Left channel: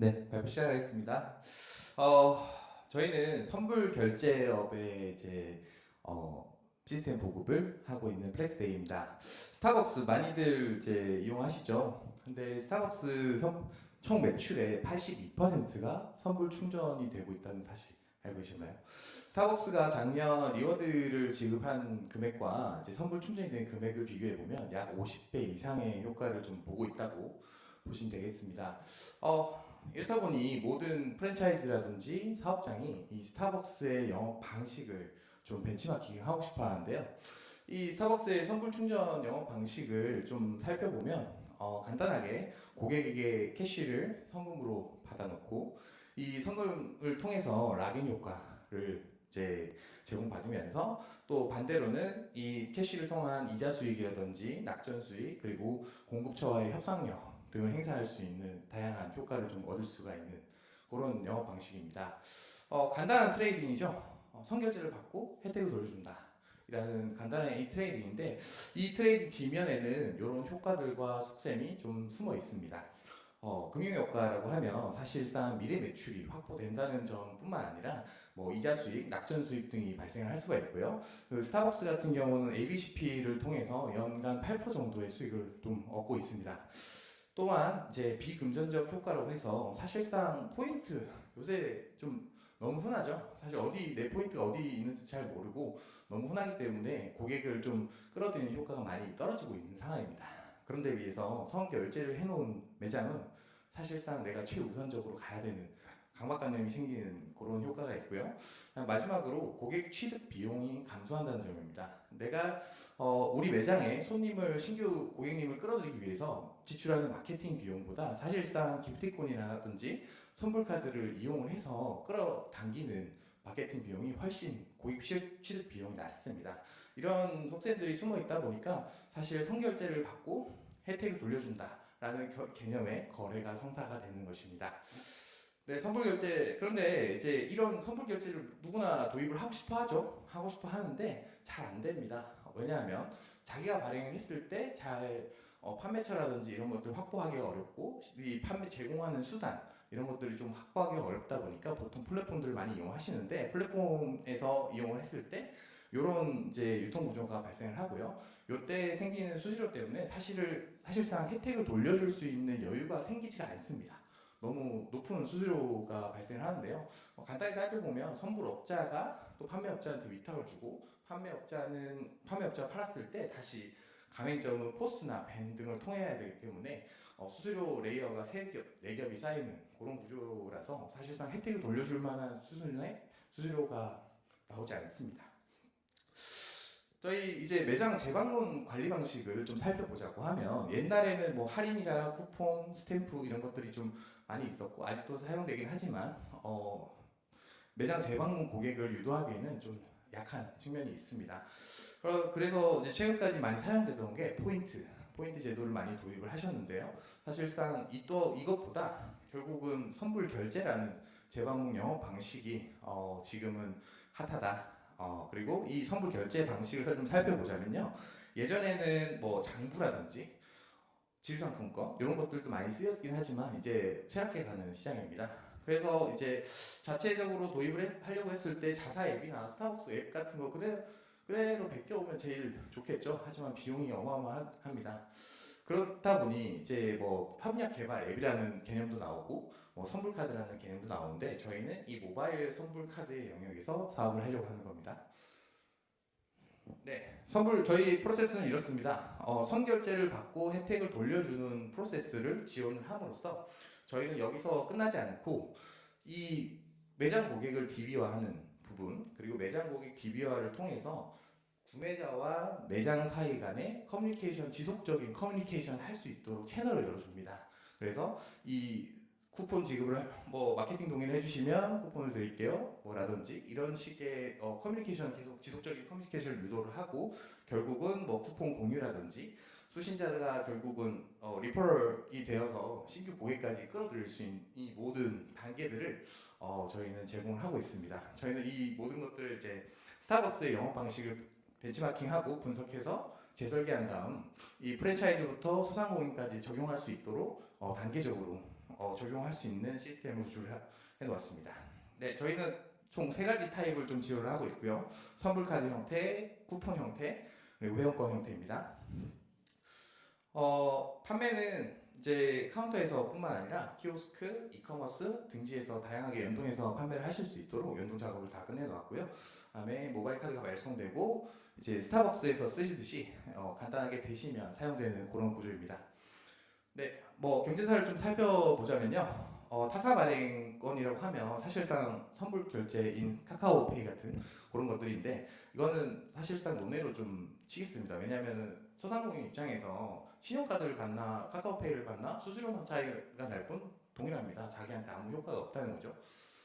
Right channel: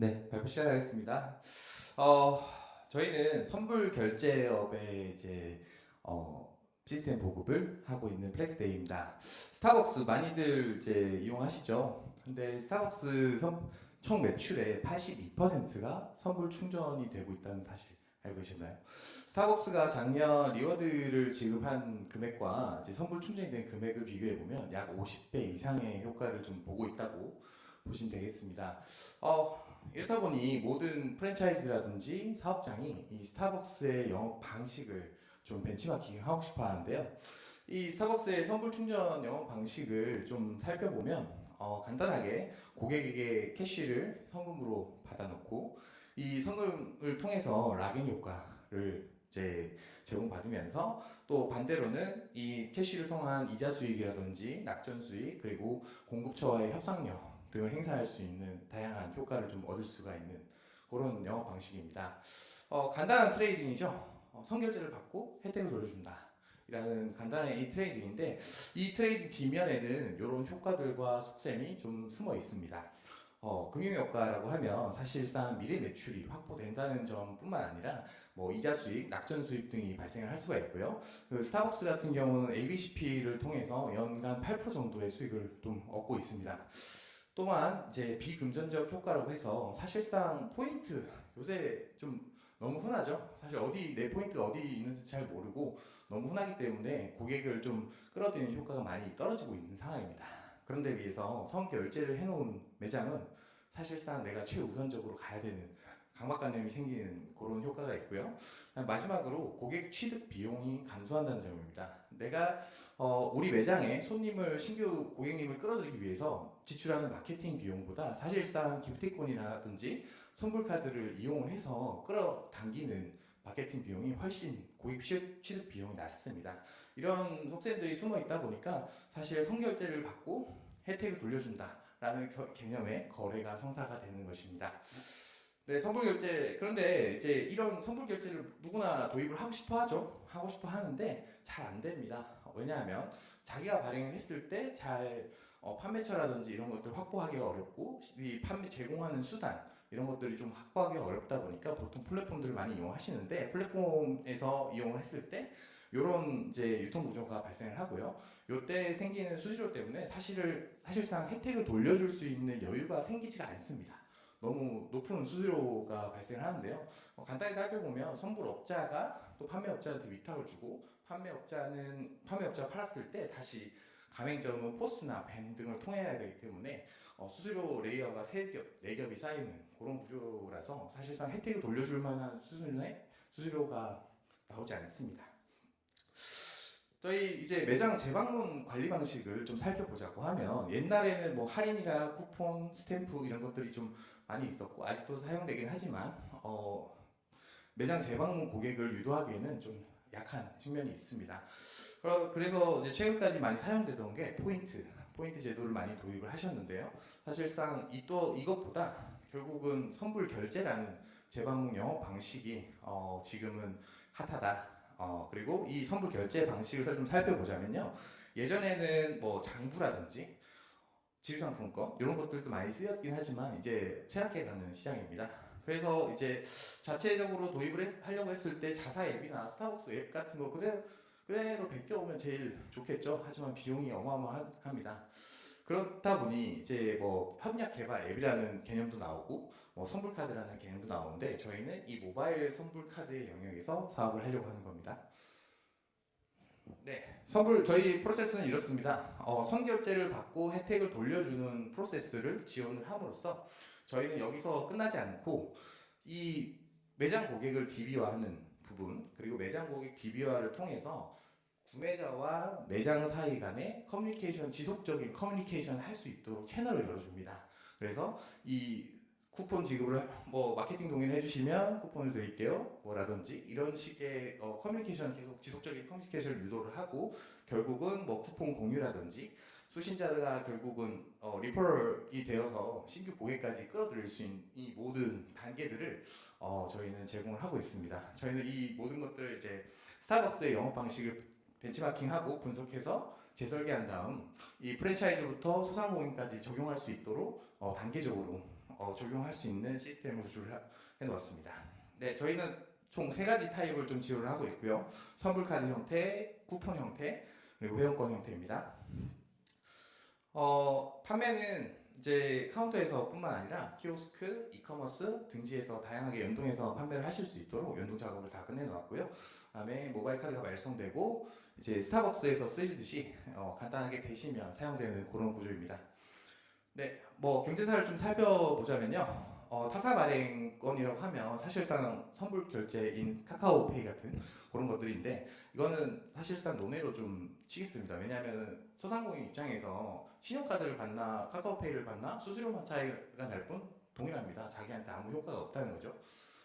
네, 발표 시작하겠습니다. 어, 저희는 선불 결제업의 이제 어, 시스템 보급을 하고 있는 플렉스데이입니다. 스타벅스 많이들 이제 이용하시죠. 근데 스타벅스 선- 총 매출의 82%가 선불 충전이 되고 있다는 사실 알고 계셨나요? 스타벅스가 작년 리워드를 지급한 금액과 이제 선불 충전이 된 금액을 비교해 보면 약 50배 이상의 효과를 좀 보고 있다고 보시면 되겠습니다. 어, 이렇다 보니 모든 프랜차이즈라든지 사업장이 이 스타벅스의 영업 방식을 좀 벤치마킹 하고 싶어 하는데요. 이 스타벅스의 선불 충전 영업 방식을 좀 살펴보면 어, 간단하게 고객에게 캐시를 성금으로 받아놓고 이 성금을 통해서 락인 효과를 이제 제공받으면서 또 반대로는 이 캐시를 통한 이자 수익이라든지 낙전 수익 그리고 공급처와의 협상력 등을 행사할 수 있는 다양한 효과를 좀 얻을 수가 있는 그런 영업 방식입니다. 어, 간단한 트레이딩이죠. 어, 선결제를 받고 혜택을 돌려준다. 이라는 간단한 이 트레이딩인데 이 트레이딩 뒷면에는 이런 효과들과 속셈이 좀 숨어 있습니다. 어, 금융 효과라고 하면 사실상 미래 매출이 확보된다는 점뿐만 아니라 뭐 이자 수익, 낙전 수입 등이 발생할 수가 있고요. 그 스타벅스 같은 경우는 ABCP를 통해서 연간 8% 정도의 수익을 좀 얻고 있습니다. 또한 이제 비금전적 효과라고 해서 사실상 포인트 요새 좀 너무 흔하죠. 사실 어디 내 포인트가 어디 있는지 잘 모르고 너무 흔하기 때문에 고객을 좀 끌어들이는 효과가 많이 떨어지고 있는 상황입니다. 그런데 비해서 선결제를 해놓은 매장은 사실상 내가 최우선적으로 가야 되는 강박관념이 생기는 그런 효과가 있고요. 마지막으로 고객 취득 비용이 감소한다는 점입니다. 내가 어, 우리 매장에 손님을 신규 고객님을 끌어들이기 위해서 지출하는 마케팅 비용보다 사실상 기프티콘이라든지 선불 카드를 이용을 해서 끌어당기는 마케팅 비용이 훨씬 고객 취- 취득 비용이 낮습니다. 이런 속셈들이 숨어 있다 보니까 사실 선결제를 받고 혜택을 돌려준다라는 겨- 개념의 거래가 성사가 되는 것입니다. 네, 선불 결제. 그런데 이제 이런 선불 결제를 누구나 도입을 하고 싶어 하죠. 하고 싶어 하는데 잘 안 됩니다. 왜냐하면 자기가 발행을 했을 때잘 어, 판매처라든지 이런 것들 확보하기가 어렵고 이 판매 제공하는 수단 이런 것들이 좀 확보하기가 어렵다 보니까 보통 플랫폼들을 많이 이용하시는데 플랫폼에서 이용을 했을 때 이런 이제 유통 구조가 발생을 하고요. 요때 생기는 수수료 때문에 사실을 사실상 혜택을 돌려줄 수 있는 여유가 생기지가 않습니다. 너무 높은 수수료가 발생을 하는데요. 어, 간단히 살펴보면 선불업자가 또 판매업자한테 위탁을 주고 판매업자는 판매업자가 팔았을 때 다시 가맹점은 포스나 밴 등을 통해야 되기 때문에 어, 수수료 레이어가 세 겹, 네 겹이 쌓이는 그런 구조라서 사실상 혜택을 돌려줄 만한 수준의 수수료가 나오지 않습니다. 저희 이제 매장 재방문 관리 방식을 좀 살펴보자고 하면 옛날에는 뭐 할인이랑 쿠폰, 스탬프 이런 것들이 좀 많이 있었고 아직도 사용되긴 하지만 어, 매장 재방문 고객을 유도하기에는 좀 약한 측면이 있습니다. 그래서 이제 최근까지 많이 사용되던 게 포인트, 포인트 제도를 많이 도입을 하셨는데요. 사실상 이 또 이것보다 결국은 선불 결제라는 재방문 영업 방식이 어, 지금은 핫하다. 어, 그리고 이 선불 결제 방식을 좀 살펴보자면요. 예전에는 뭐 장부라든지 지류상품권 이런 것들도 많이 쓰였긴 하지만 이제 쇠락해 가는 시장입니다. 그래서 이제 자체적으로 도입을 해- 하려고 했을 때 자사 앱이나 스타벅스 앱 같은 거 그대로 그대로 베껴오면 제일 좋겠죠. 하지만 비용이 어마어마합니다. 그렇다 보니 이제 뭐 협력 개발 앱이라는 개념도 나오고 뭐 선불 카드라는 개념도 나오는데 저희는 이 모바일 선불 카드의 영역에서 사업을 하려고 하는 겁니다. 네, 선불 저희 프로세스는 이렇습니다. 어, 선결제를 받고 혜택을 돌려주는 프로세스를 지원을 함으로써 저희는 여기서 끝나지 않고 이 매장 고객을 DB화하는 부분 그리고 매장 고객 DB화를 통해서 구매자와 매장 사이 간의 커뮤니케이션 지속적인 커뮤니케이션을 할수 있도록 채널을 열어줍니다. 그래서 이 쿠폰 지급을 뭐 마케팅 동의를 해주시면 쿠폰을 드릴게요. 뭐라든지 이런 식의 어, 커뮤니케이션 계속 지속적인 커뮤니케이션을 유도를 하고 결국은 뭐 쿠폰 공유라든지 수신자가 결국은 어, 리퍼럴이 되어서 신규 고객까지 끌어들일 수 있는 이 모든 단계들을 어, 저희는 제공을 하고 있습니다. 저희는 이 모든 것들을 이제 스타벅스의 영업 방식을 벤치마킹하고 분석해서 재설계한 다음 이 프랜차이즈부터 소상공인까지 적용할 수 있도록 어, 단계적으로 어, 적용할 수 있는 시스템을 구조를 하- 해놓았습니다. 네, 저희는 총 세 가지 타입을 좀 지원을 하고 있고요. 선불카드 형태, 쿠폰 형태, 그리고 회원권 형태입니다. 어, 판매는 이제 카운터에서뿐만 아니라 키오스크, 이커머스 등지에서 다양하게 연동해서 판매를 하실 수 있도록 연동 작업을 다 끝내놓았고요. 그다음에 모바일 카드가 발송되고 이제 스타벅스에서 쓰시듯이 어, 간단하게 대시면 사용되는 그런 구조입니다. 네, 뭐 경제사를 좀 살펴보자면요. 어, 타사 발행권이라고 하면 사실상 선불 결제인 카카오페이 같은 그런 것들인데 이거는 사실상 논외로 좀 치겠습니다. 왜냐하면 소상공인 입장에서 신용카드를 받나 카카오페이를 받나 수수료만 차이가 날 뿐 동일합니다. 자기한테 아무 효과가 없다는 거죠.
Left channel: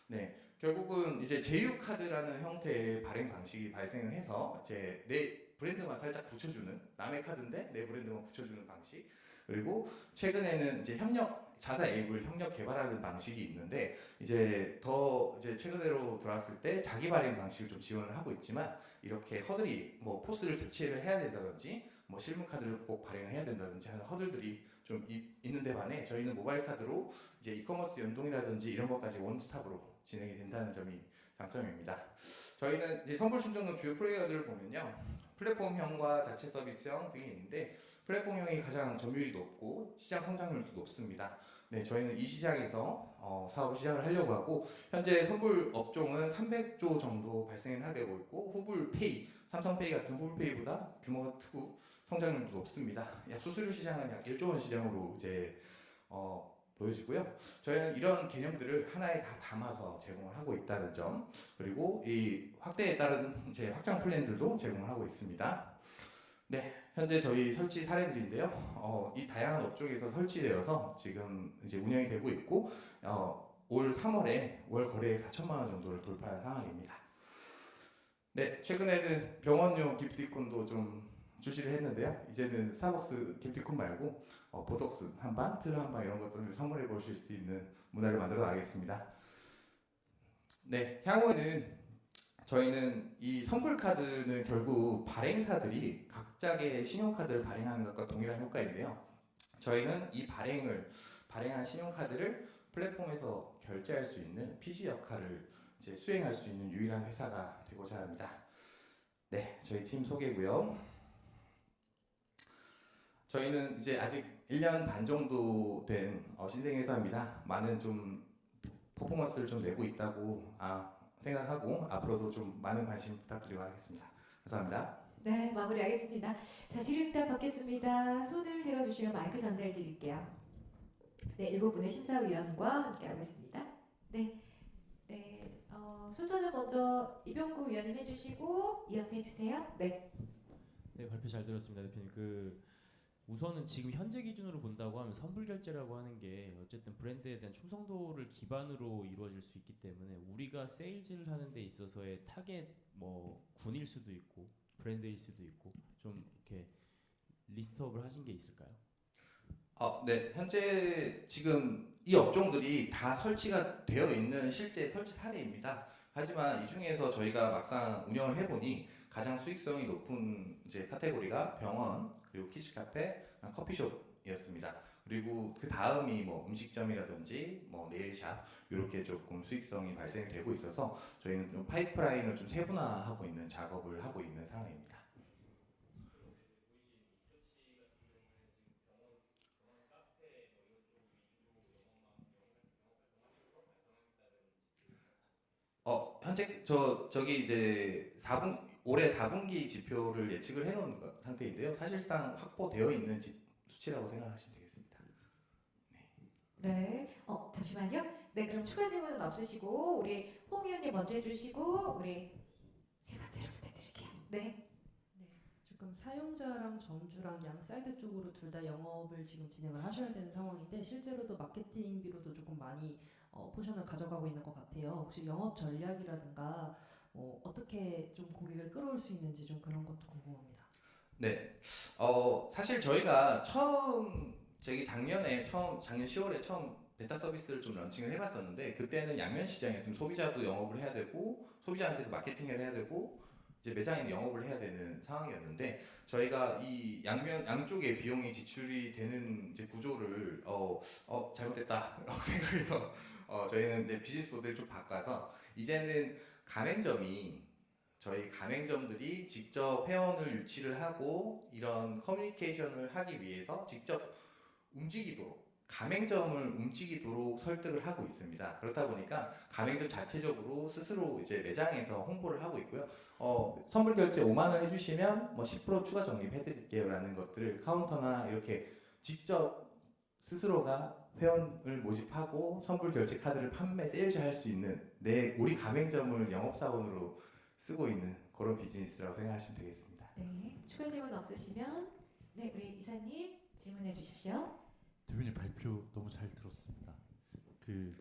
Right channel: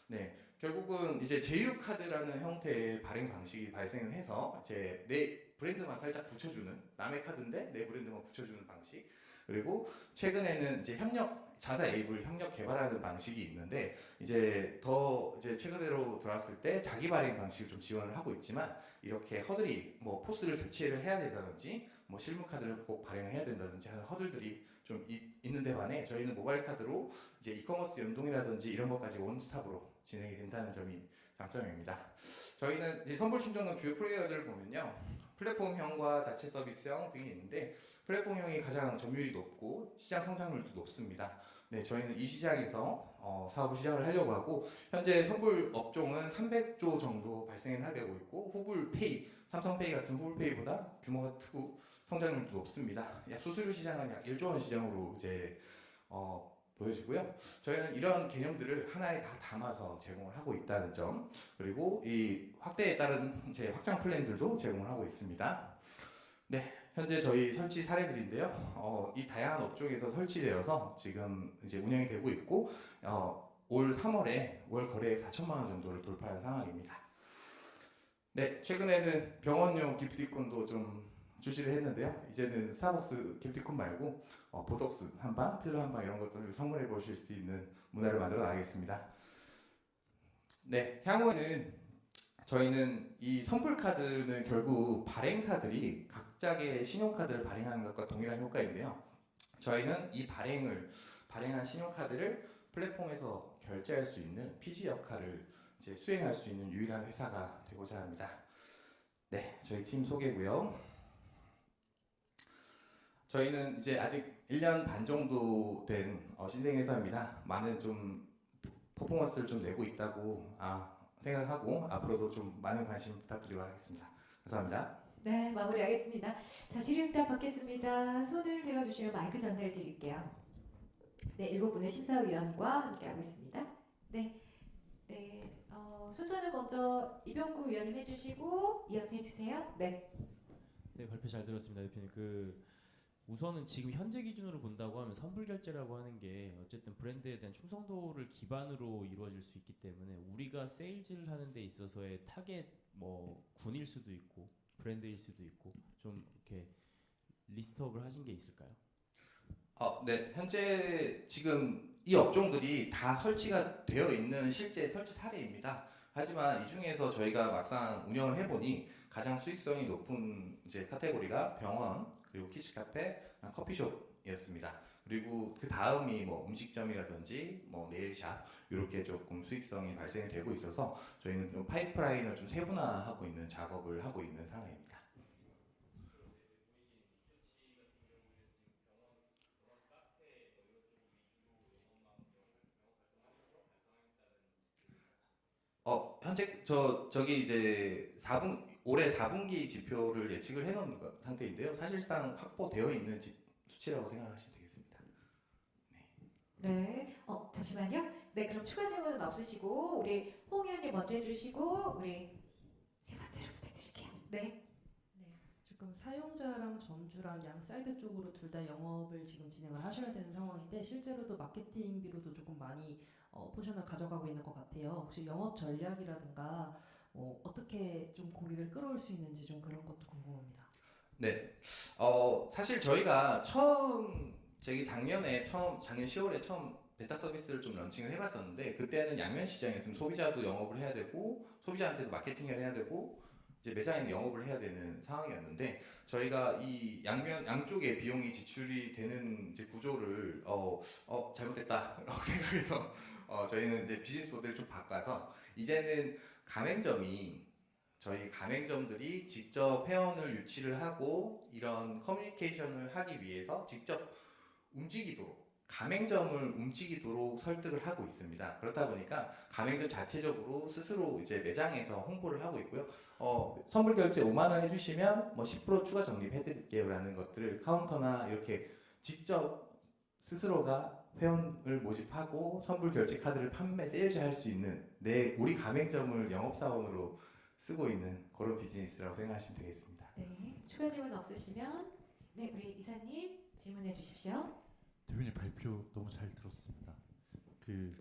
네, 결국은 이제 제휴카드라는 형태의 발행 방식이 발생을 해서 이제 내 브랜드만 살짝 붙여주는 남의 카드인데 내 브랜드만 붙여주는 방식 그리고 최근에는 이제 협력 자사 앱을 협력 개발하는 방식이 있는데 이제 더 이제 최근으로 들어왔을 때 자기 발행 방식을 좀 지원을 하고 있지만 이렇게 허들이 뭐 포스를 교체를 해야 된다든지 뭐 실물 카드를 꼭 발행을 해야 된다든지 하는 허들들이 좀 이- 있는데 반해 저희는 모바일 카드로 이제 이커머스 연동이라든지 이런 것까지 원스톱으로 진행이 된다는 점이 장점입니다. 저희는 이제 선불 충전은 주요 플레이어들을 보면요. 플랫폼형과 자체 서비스형 등이 있는데 플랫폼형이 가장 점유율이 높고 시장 성장률도 높습니다. 네, 저희는 이 시장에서 어, 사업을 시작을 하려고 하고 현재 선불 업종은 300조 정도 하게 되고 있고 후불페이, 삼성페이 같은 후불페이보다 규모가 크고 성장률도 높습니다. 약 수수료 시장은 약 1조 원 시장으로 이제 어, 보여지고요. 저희는 이런 개념들을 하나에 다 담아서 제공을 하고 있다는 점 그리고 이 확대에 따른 제 확장 플랜들도 제공을 하고 있습니다. 네, 현재 저희 설치 사례들인데요. 어, 이 다양한 업종에서 설치되어서 지금 이제 운영이 되고 있고 어, 올 3월에 월 거래액 4천만 원 정도를 돌파한 상황입니다. 네, 최근에는 병원용 기프티콘도 좀 출시를 했는데요. 이제는 스타벅스 기프티콘 말고 어, 보톡스 한 방, 필러 한 방 이런 것들을 선물해 보실 수 있는 문화를 만들어 나가겠습니다. 네, 향후에는 저희는 이 선불 카드는 결국 발행사들이 각자의 신용카드를 발행하는 것과 동일한 효과인데요. 저희는 이 발행을 발행한 신용카드를 플랫폼에서 결제할 수 있는 피지 역할을 이제 수행할 수 있는 유일한 회사가 되고자 합니다. 네, 저희 팀 소개고요. 저희는 이제 아직 1년 반 정도 된 어, 신생 회사입니다. 많은 좀 퍼포먼스를 좀 내고 있다고 아, 생각하고 앞으로도 좀 많은 관심 부탁드리고 하겠습니다. 감사합니다. 네, 마무리하겠습니다. 자, 질의응답 받겠습니다. 손을 들어주시면 마이크 전달 드릴게요. 네, 일곱 분의 심사위원과 함께하고 있습니다. 네, 네, 어, 순서는 먼저 이병구 위원님 해주시고 이어서 해주세요. 네, 네 발표 잘 들었습니다 대표님 그 우선은 지금 현재 기준으로 본다고 하면 선불 결제라고 하는 게 어쨌든 브랜드에 대한 충성도를 기반으로 이루어질 수 있기 때문에 우리가 세일즈를 하는 데 있어서의 타겟 뭐 군일 수도 있고 브랜드일 수도 있고 좀 이렇게 리스트업을 하신 게 있을까요? 어, 네, 현재 지금 이 업종들이 다 설치가 되어 있는 실제 설치 사례입니다. 하지만 이 중에서 저희가 막상 운영을 해보니 가장 수익성이 높은 이제 카테고리가 병원 그리고 키즈 카페, 아, 커피숍이었습니다. 그리고 그 다음이 뭐 음식점이라든지 뭐 네일샵 이렇게 조금 수익성이 발생이 되고 있어서 저희는 좀 파이프라인을 좀 세분화하고 있는 작업을 하고 있는 상황입니다. 어 현재 저 저기 이제 4분 올해 4분기 지표를 예측을 해놓은 거- 상태인데요. 사실상 확보되어 있는 지- 수치라고 생각하시면 되겠습니다. 네, 어, 잠시만요. 네, 그럼 추가 질문은 없으시고 우리 홍 의원님 먼저 해주시고 우리 세 번째로 부탁드릴게요. 네, 사용자랑 점주랑 양 사이드 쪽으로 둘 다 영업을 지금 진행을 하셔야 되는 상황인데 실제로도 마케팅비로도 조금 많이 어, 포션을 가져가고 있는 것 같아요. 혹시 영업 전략이라든가 뭐 어떻게 좀 고객을 끌어올 수 있는지 좀 그런 것도 궁금합니다. 네, 어 사실 저희가 처음 저기 작년에 처음 작년 10월에 처음 베타 서비스를 좀 런칭을 해봤었는데 그때는 양면 시장이었으면 소비자도 영업을 해야 되고 소비자한테도 마케팅을 해야 되고 이제 매장에 영업을 해야 되는 상황이었는데 저희가 이 양면 양쪽에 비용이 지출이 되는 이제 구조를 어, 어 잘못됐다라고 생각해서 어, 저희는 이제 비즈니스 모델을 좀 바꿔서 이제는 가맹점이 저희 가맹점들이 직접 회원을 유치를 하고 이런 커뮤니케이션을 하기 위해서 직접 움직이도록 가맹점을 움직이도록 설득을 하고 있습니다. 그렇다 보니까 가맹점 자체적으로 스스로 이제 매장에서 홍보를 하고 있고요. 어, 선불 결제 5만 원 해주시면 뭐 10% 추가 적립해드릴게요라는 것들을 카운터나 이렇게 직접 스스로가 회원을 모집하고 선불 결제 카드를 판매 세일즈할 수 있는 내 우리 가맹점을 영업 사원으로 쓰고 있는 그런 비즈니스라고 생각하시면 되겠습니다. 네, 추가 질문 없으시면 네, 우리 이사님 질문해 주십시오. 대표님 발표 너무 잘 들었습니다. 그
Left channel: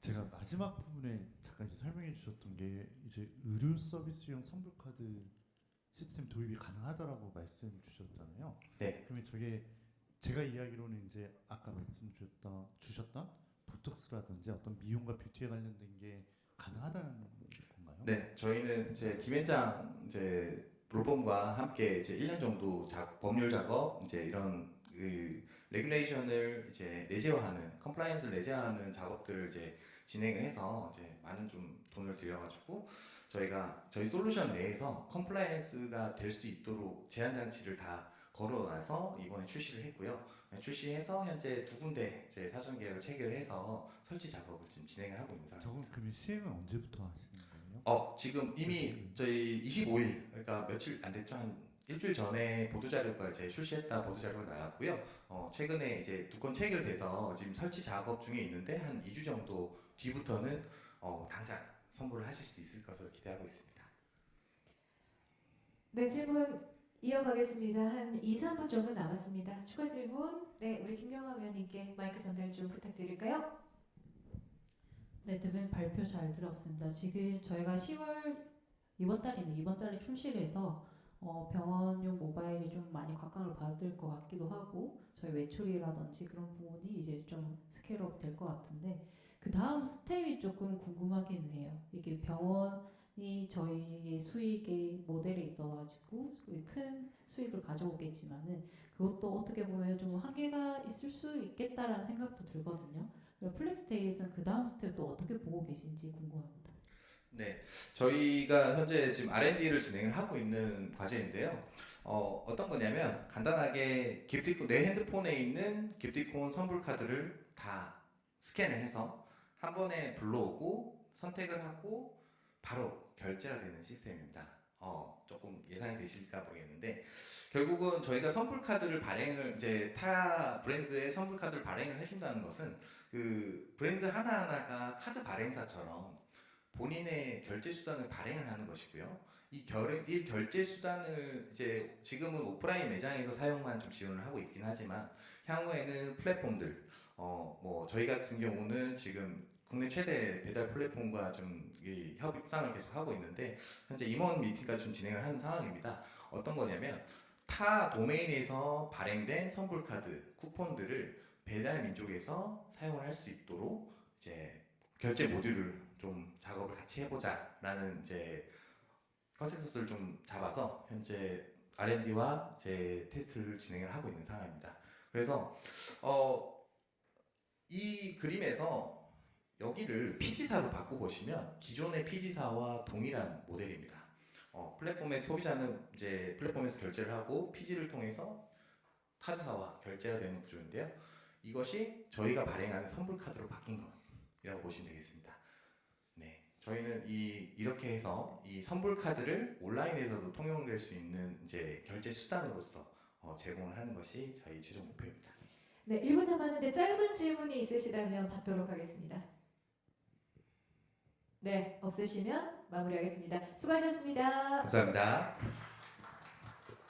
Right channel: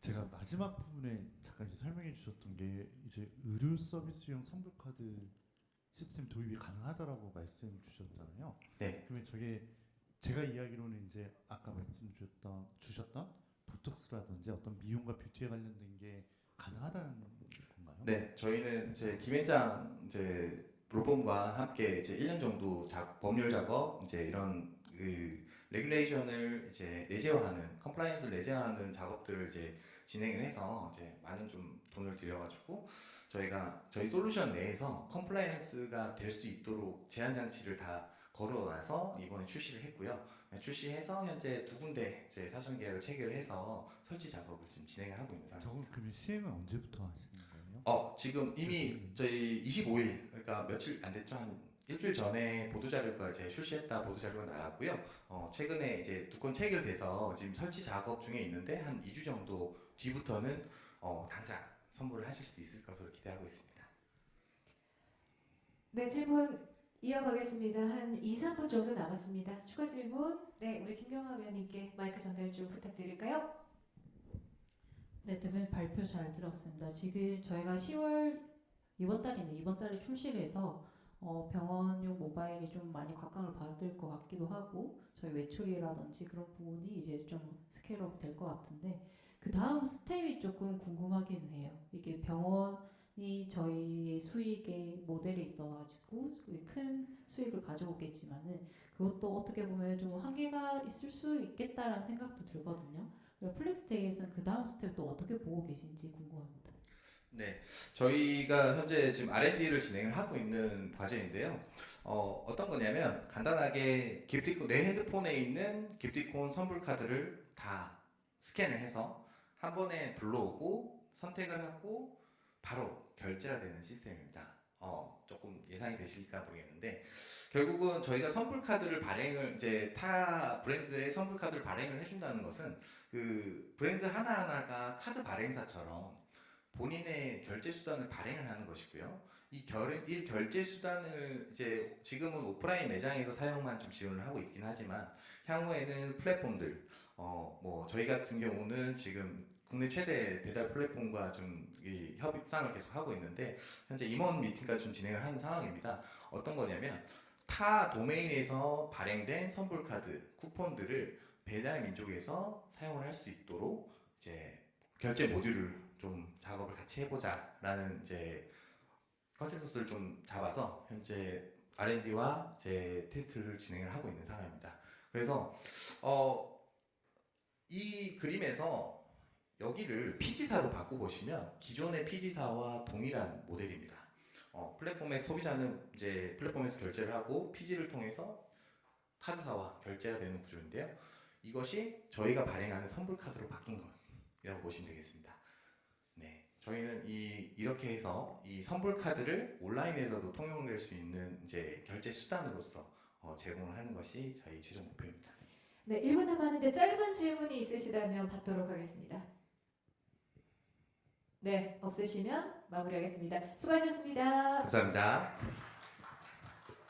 제가 마지막 부분에 잠깐 설명해 주셨던 게 이제 의료 서비스용 선불 카드 시스템 도입이 가능하다라고 말씀 주셨잖아요. 네. 그러면 저게 제가 이야기로는 이제 아까 말씀 주셨던 주셨던 보톡스라든지 어떤 미용과 뷰티에 관련된 게 가능하다는 건가요? 네, 저희는 이제 김현장 이제 로펌과 함께 이제 1년 정도 작, 법률 작업 이제 이런 그 레귤레이션을 이제 내재화하는 컴플라이언스를 내재화하는 작업들을 이제 진행을 해서 이제 많은 좀 돈을 들여가지고 저희가 저희 솔루션 내에서 컴플라이언스가 될 수 있도록 제한 장치를 다 걸어놔서 이번에 출시를 했고요. 네, 출시해서 현재 두 군데 이제 사전 계약을 체결해서 설치 작업을 지금 진행을 하고 있는 상황입니다. 저건 그러면 시행은 언제부터 하시는 거예요? 어 지금 이미 저희 25일 그러니까 며칠 안 됐죠 한 일주일 전에 보도 자료가 이제 출시했다 보도 자료가 나왔고요. 어 최근에 이제 두 건 체결돼서 지금 설치 작업 중에 있는데 한 2주 정도 뒤부터는 어 당장 선보를 하실 수 있을 것으로 기대하고 있습니다. 네, 질문 이어가겠습니다. 한 2, 3분 정도 남았습니다. 추가 질문, 네, 우리 김경화 위원님께 마이크 전달 좀 부탁드릴까요? 네, 대표님 발표 잘 들었습니다. 지금 저희가 10월 이번 달이네 이번 달에 출시를 해서 어, 병원용 모바일이 좀 많이 곽광을 받을 것 같기도 하고 저희 외출이라든지 그런 부분이 이제 좀 스케일업 될 것 같은데 그 다음 스텝이 조금 궁금하긴 해요. 이게 병원이 저희 수익의 모델에 있어가지고 큰 수익을 가져오겠지만은 그것도 어떻게 보면 좀 한계가 있을 수 있겠다라는 생각도 들거든요. 플렉스데이에서는 그 다음 스텝 또 어떻게 보고 계신지 궁금합니다. 네, 저희가 현재 지금 R&D를 진행을 하고 있는 과제인데요. 어, 어떤 거냐면 간단하게 기프티콘 내 핸드폰에 있는 기프티콘 선불 카드를 다 스캔을 해서 한 번에 불러오고 선택을 하고 바로 결제가 되는 시스템입니다. 어, 조금 예상이 되실까 모르겠는데 결국은 저희가 선불 카드를 발행을 이제 타 브랜드의 선불 카드를 발행을 해준다는 것은 그 브랜드 하나 하나가 카드 발행사처럼 본인의 결제 수단을 발행을 하는 것이고요. 이, 결, 이 결제 수단을 이제 지금은 오프라인 매장에서 사용만 좀 지원을 하고 있긴 하지만 향후에는 플랫폼들, 어, 뭐 저희 같은 경우는 지금 국내 최대 배달 플랫폼과 좀이 협상을 계속 하고 있는데 현재 임원 미팅까지 좀 진행을 하는 상황입니다. 어떤 거냐면 타 도메인에서 발행된 선불 카드 쿠폰들을 배달 민족에서 사용을 할 수 있도록 이제 결제 모듈을 좀 작업을 같이 해보자라는 이제 컨센서스를 좀 잡아서 현재 R&D와 제 테스트를 진행을 하고 있는 상황입니다. 그래서 어, 이 그림에서 여기를 PG사로 바꿔보시면 기존의 PG사와 동일한 모델입니다. 어, 플랫폼의 소비자는 이제 플랫폼에서 결제를 하고 PG를 통해서 카드사와 결제가 되는 구조인데요. 이것이 저희가 발행하는 선불 카드로 바뀐 것이라고 보시면 되겠습니다. 네, 저희는 이 이렇게 해서 이 선불 카드를 온라인에서도 통용될 수 있는 이제 결제 수단으로서 어, 제공을 하는 것이 저희 최종 목표입니다. 네, 1분 남았는데 짧은 질문이 있으시다면 받도록 하겠습니다. 네, 없으시면 마무리하겠습니다. 수고하셨습니다. 감사합니다.